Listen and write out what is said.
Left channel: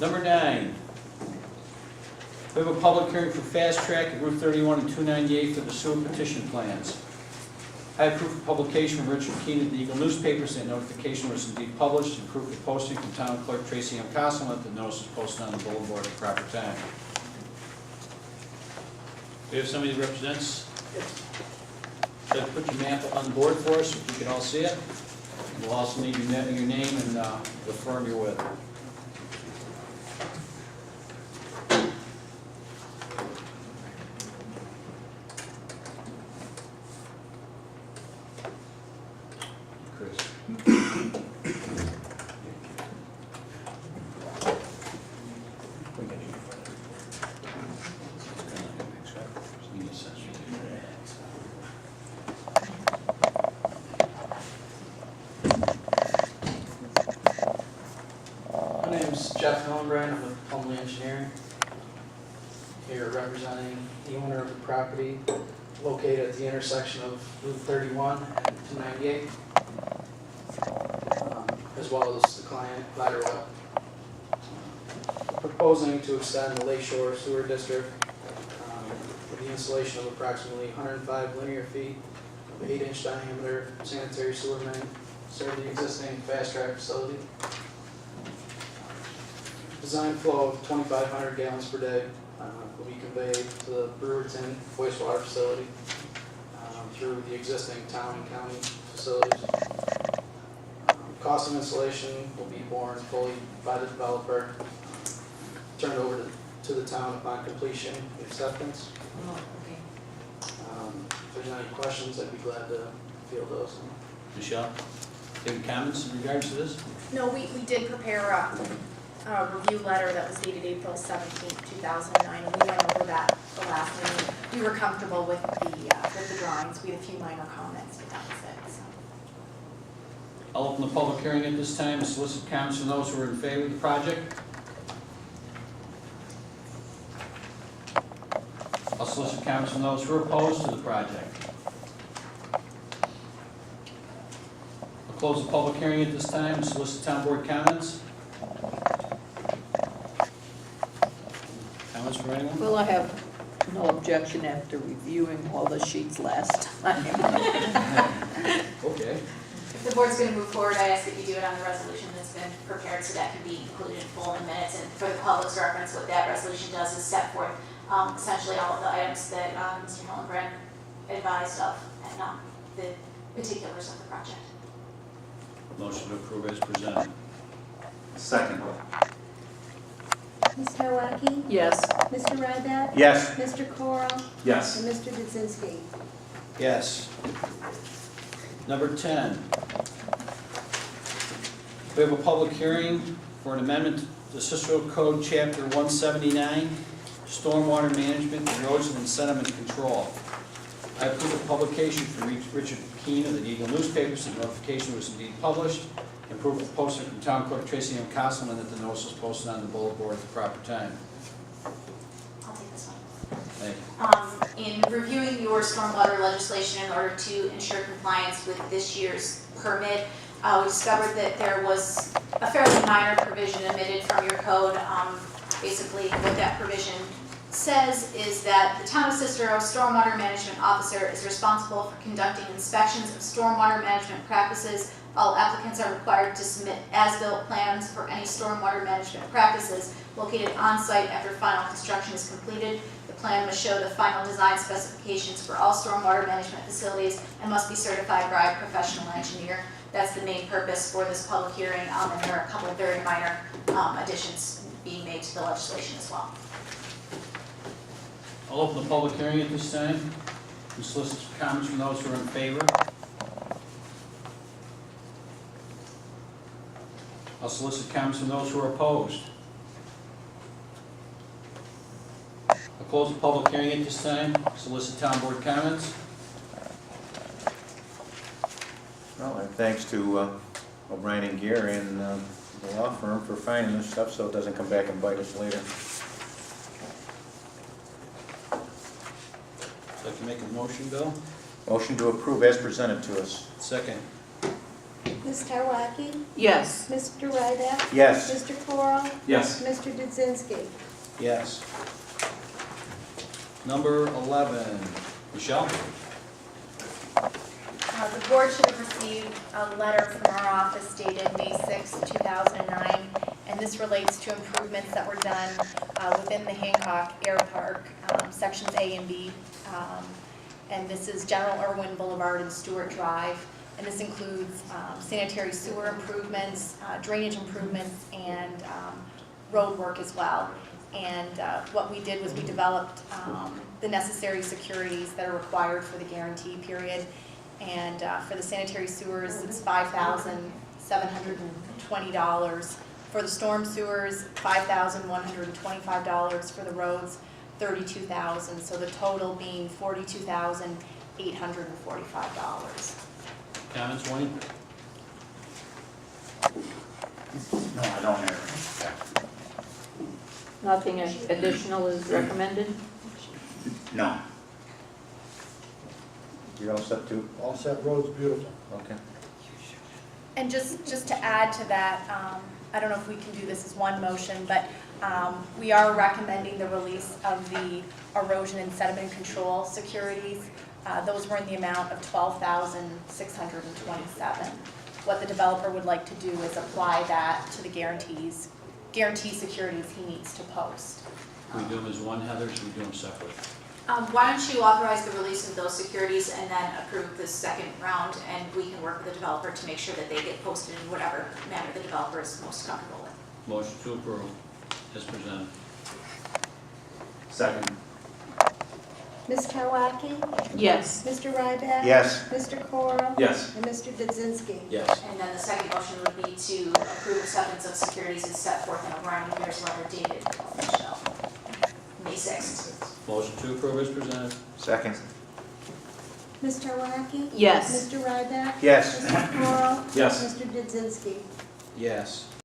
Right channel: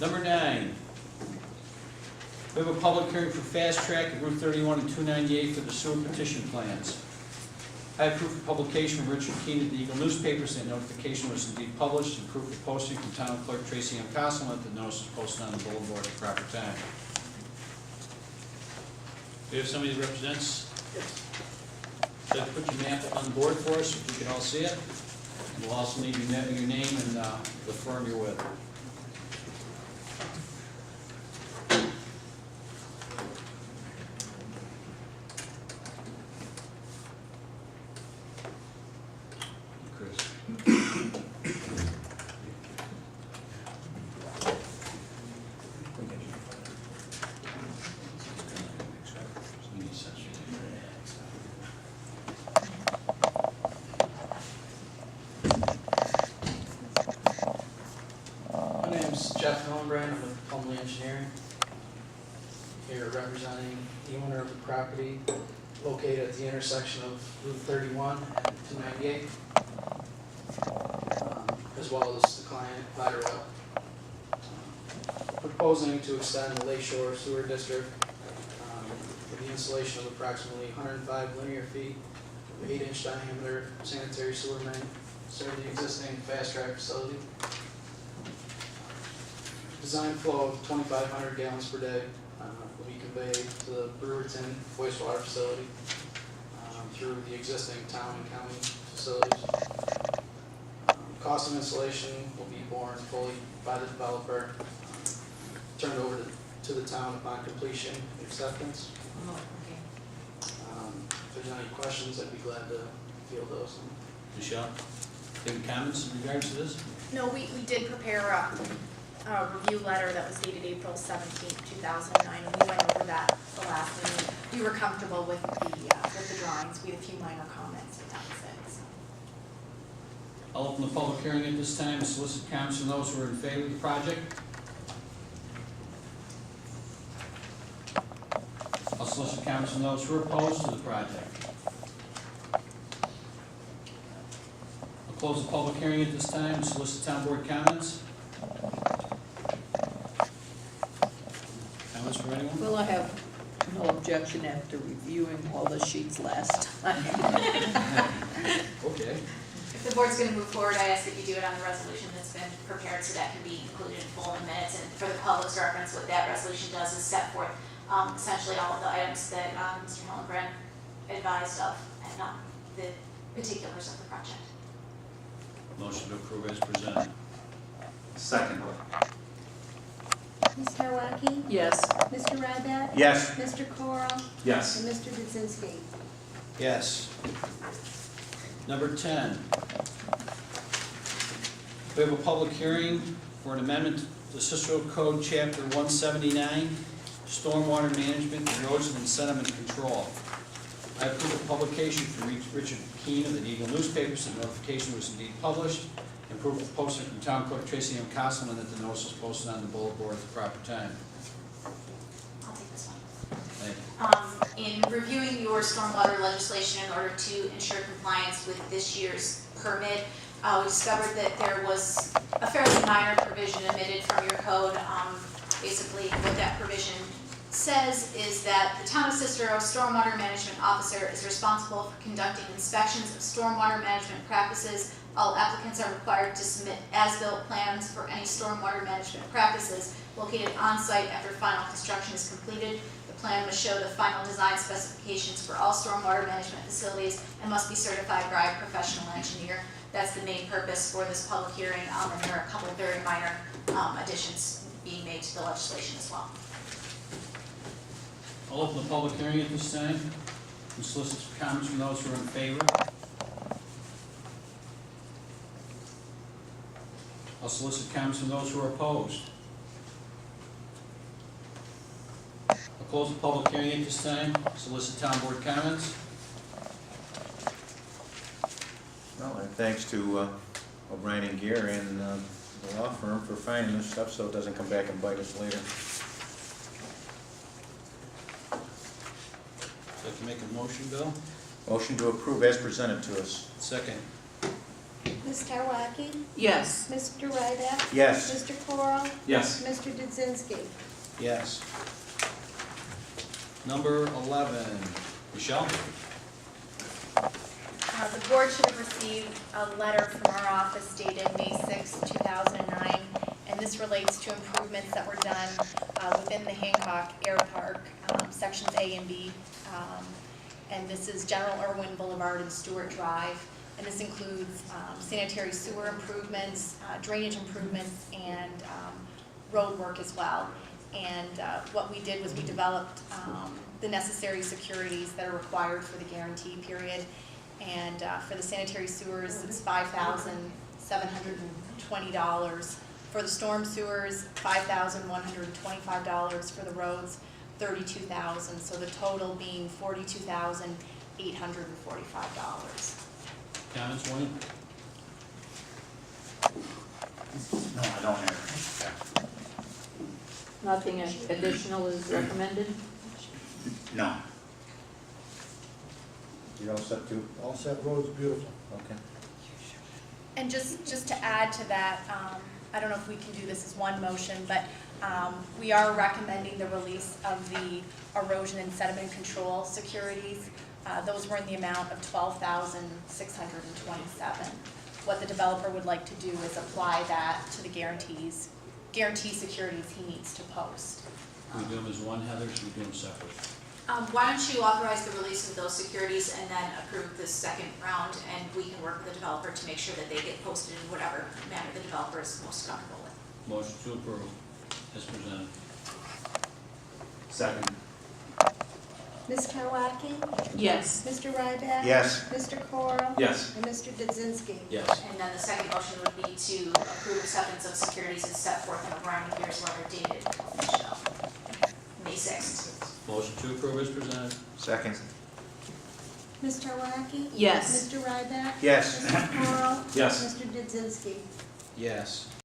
Number 9, we have a public hearing for Fastrac at Route 31 and 298 for the sewer petition plans. I have proof of publication from Richard Keene at the Eagle newspapers, that notification was indeed published, and proof of posting from Town Clerk Tracy M. Costle, that the notice is posted on the bulletin board at the proper time. Do you have somebody that represents? So put your map up on the board for us, so we can all see it. And we'll also need your name and the firm you're with. My name's Jeff Hillenbrand. I'm with Plumley Engineering, here representing the owner of the property located at the intersection of Route 31 and 298, as well as the client, Lateral. Proposing to extend the Lakeshore Sewer District with the installation of approximately 105 linear feet of 8-inch diameter sanitary sewer main, serve the existing Fastrac facility. Design flow of 2,500 gallons per day will be conveyed to the Brewerton wastewater facility through the existing town and county facilities. Cost of installation will be borne fully by the developer, turned over to the town upon completion and acceptance. Oh, okay. If there's any questions, I'd be glad to field those. Michelle, any comments in regards to this? No, we did prepare a review letter that was dated April 17th, 2009, and we went over that the last meeting. We were comfortable with the drawings. We had a few minor comments, but that was it. So. I'll open the public hearing at this time and solicit comments from those who are in favor of the project. I'll solicit comments from those who are opposed to the project. I'll close the public hearing at this time and solicit town board comments. Comments from anyone? Well, I have no objection after reviewing all the sheets last time. Okay. If the board's going to move forward, I ask that you do it on the resolution that's been prepared so that can be included in full in the minutes. And for the public's reference, what that resolution does is set forth essentially all of the items that Mr. Hillenbrand advised of and the particulars of the project. Motion to approve as presented. Second. Ms. Tarwacki? Yes. Mr. Ryback? Yes. Mr. Coral? Yes. And Mr. Kaczynski? Yes. Number 10. We have a public hearing for an amendment to Cicero Code, Chapter 179, Stormwater Management, Erosion, and Sediment Control. I approve the publication from Richard Keene of the Eagle newspapers, and notification was indeed published, and proof of posting from Town Clerk Tracy M. Costle, that the notice was posted on the bulletin board at the proper time. I'll take this one. Thank you. In reviewing your stormwater legislation in order to ensure compliance with this year's permit, we discovered that there was a fairly minor provision omitted from your code. Basically, what that provision says is that the Town of Cicero Stormwater Management Officer is responsible for conducting inspections of stormwater management practices. All applicants are required to submit as-built plans for any stormwater management practices located on-site after final construction is completed. The plan must show the final design specifications for all stormwater management facilities and must be certified by a professional engineer. That's the main purpose for this public hearing, and there are a couple of very minor additions being made to the legislation as well. I'll open the public hearing at this time and solicit comments from those who are in favor. I'll solicit comments from those who are opposed. I'll close the public hearing at this time, solicit town board comments. Well, and thanks to O'Brien and Gear and the law firm for finding this stuff so it doesn't come back and bite us later. I'd like to make a motion, Bill. Motion to approve as presented to us. Second. Ms. Tarwacki? Yes. Mr. Ryback? Yes. Mr. Coral? Coral? Yes. Mr. Dudzinski? Yes. Number 11, Michelle? The board should have received a letter from our office dated May 6, 2009, and this relates to improvements that were done within the Hancock Airpark, sections A and B. And this is General Irwin Boulevard and Stewart Drive, and this includes sanitary sewer improvements, drainage improvements, and road work as well. And what we did was we developed the necessary securities that are required for the guarantee period. And for the sanitary sewers, it's $5,720. For the storm sewers, $5,125. For the roads, $32,000. So the total being $42,845. Comments, Wayne? No, I don't have Nothing additional is recommended? No. You're all set too? All set, road's beautiful. Okay. And just to add to that, I don't know if we can do this as one motion, but we are recommending the release of the erosion and sediment control securities. Those were in the amount of $12,627. What the developer would like to do is apply that to the guarantee securities he needs to post. We do them as one, Heather, or should we do them separate? Why don't you authorize the release of those securities and then approve the second round, and we can work with the developer to make sure that they get posted in whatever manner the developer is most comfortable with. Motion to approve, as presented. Second. Ms. Karwacki? Yes. Mr. Ryback? Yes. Mr. Coral? Yes. And Mr. Dudzinski? Yes. And then the second motion would be to approve acceptance of securities as set forth in O'Brien and Beers letter dated May 6th. Motion to approve, as presented. Second. Ms. Karwacki? Yes. Mr. Ryback? Yes. Mr. Coral? Yes. Mr. Dudzinski? Yes.